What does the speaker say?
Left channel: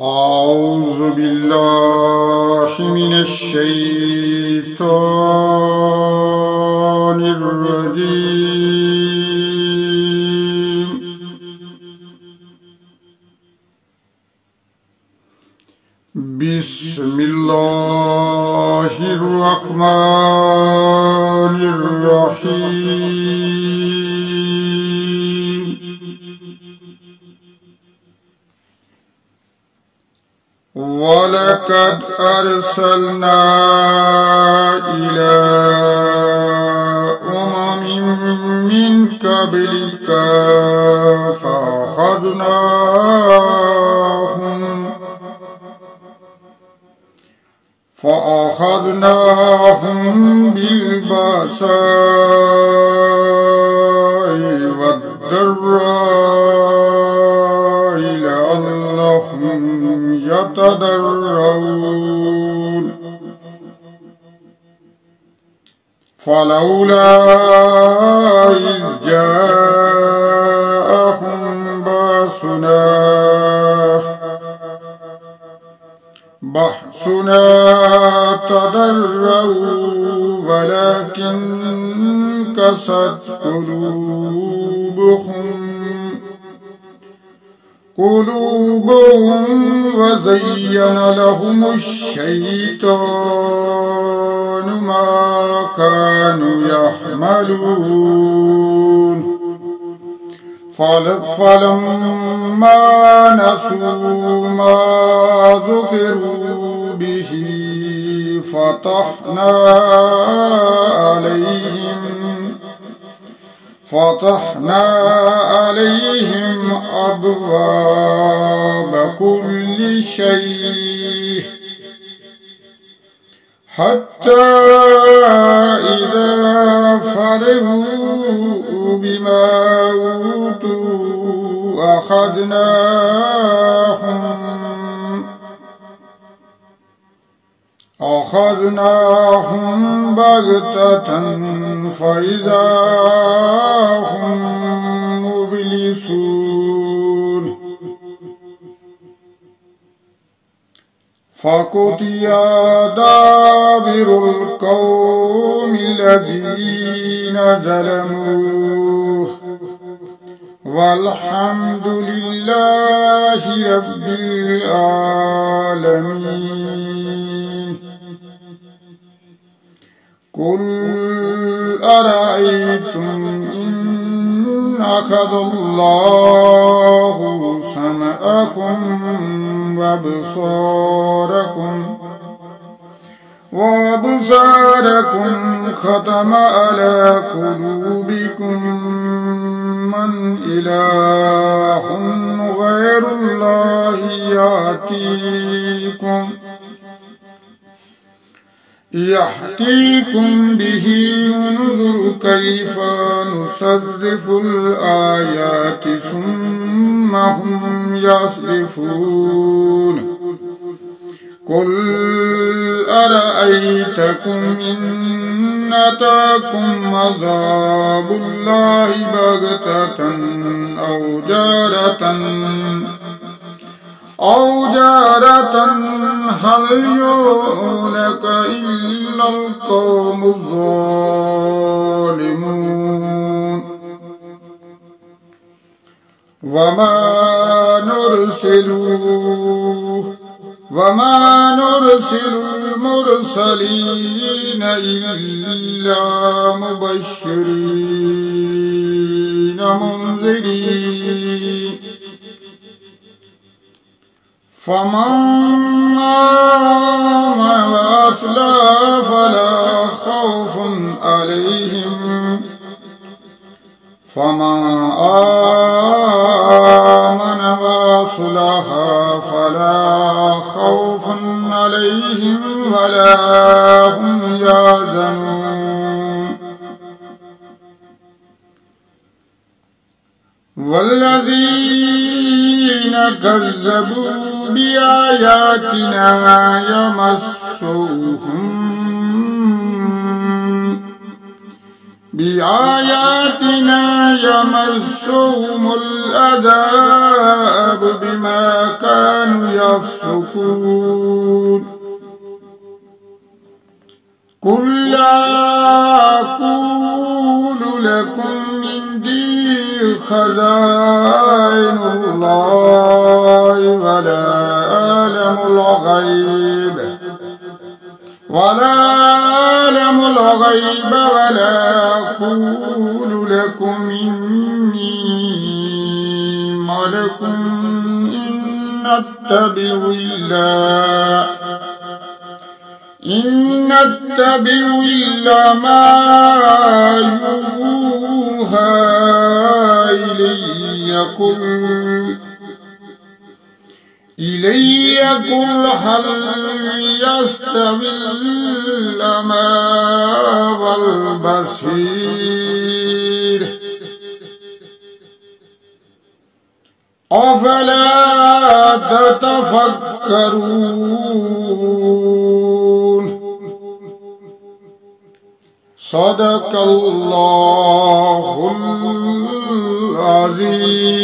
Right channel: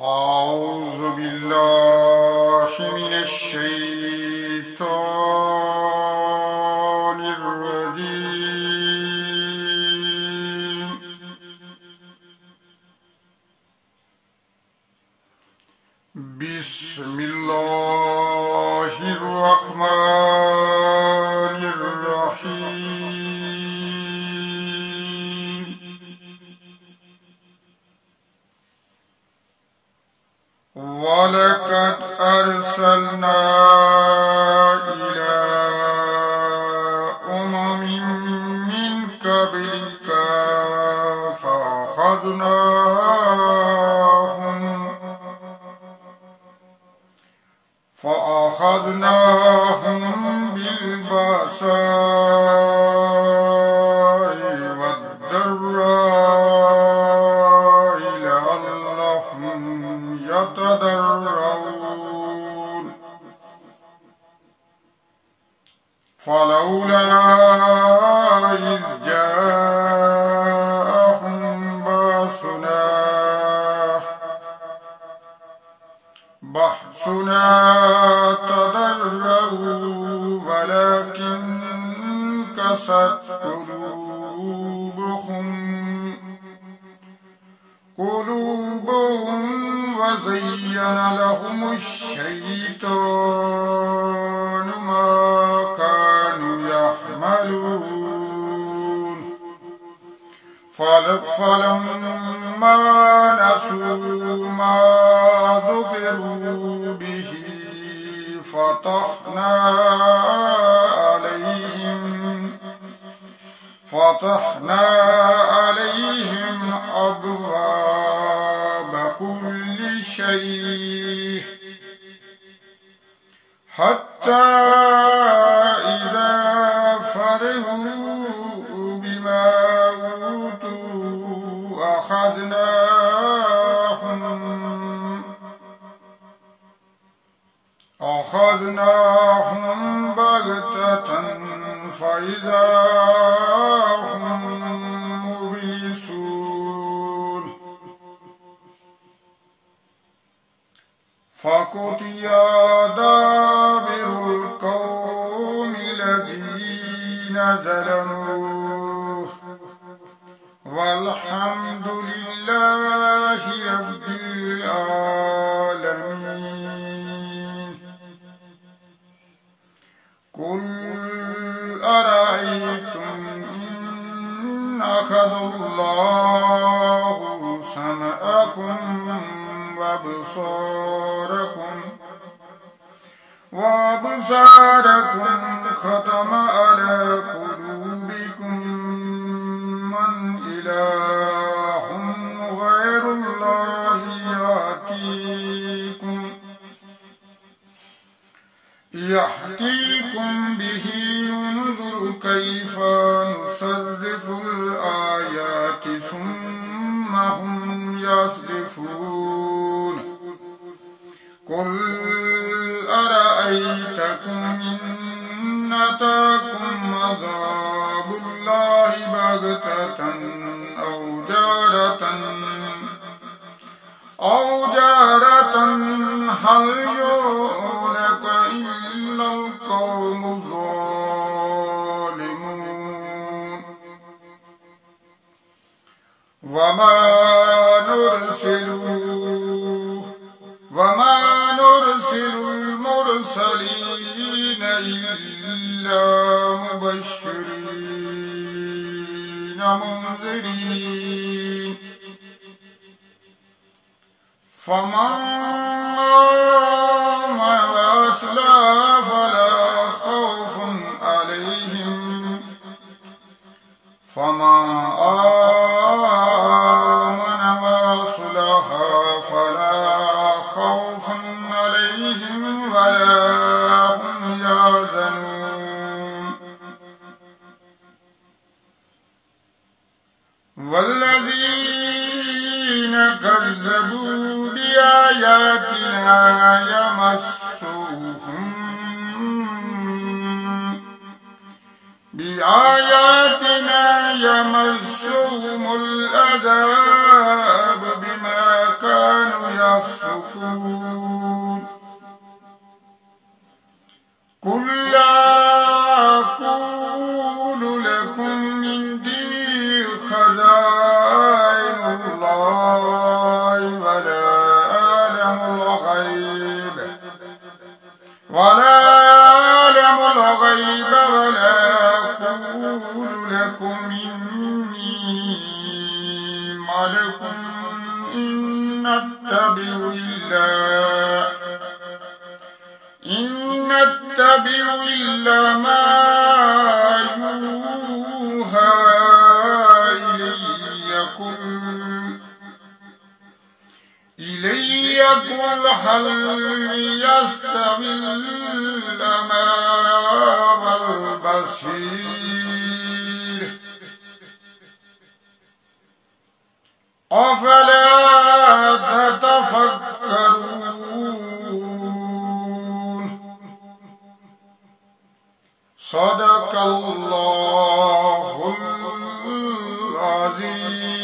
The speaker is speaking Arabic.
أعوذ بالله من الشيطان الرجيم. بسم الله الرحمن الرحيم. ولقد أرسلنا إلى أمم من قبلك فأخذناهم بالبأساء والضراء لعلهم يتضرعون. فلولا إذ جاءهم بأسنا تضرعوا ولكن قست قلوبهم وزين لهم الشيطان ما كانوا يعملون. فلما نسوا ما ذكروا به فتحنا عليهم أبواب كل شيء حتى إذا فرحوا بما أوتوا أخذناهم بغتة فإذا هم مبلسون. فقطع دابر القوم الذين ظلموا والحمد لله رب العالمين. قل أرأيتم إن أخذ الله سمعكم وأبصاركم ختم على قلوبكم من إله غير الله يأتيكم به انظر كيف نصرف الآيات ثم هم يصرفون. قل أرأيتكم إن أتاكم عذاب الله بغتة أو جارة هل يهلك إلا القوم الظالمون. وما نرسل المرسلين إلا مبشرين منذرين. فمن آمن وأصلح فلا خوف عليهم ولا هم يحزنون. والذين كذبوا بآياتنا يمسهم العذاب بما كانوا يفسقون. تتقون قل لا أقول لكم عندي خزائن الله ولا أعلم الغيب ولا أقول لكم إني ملك إن أتبع إلا ما يوحى إلي قل هل يستوي الأعمى والبصير أفلا تتفكرون صدق الله العظيم.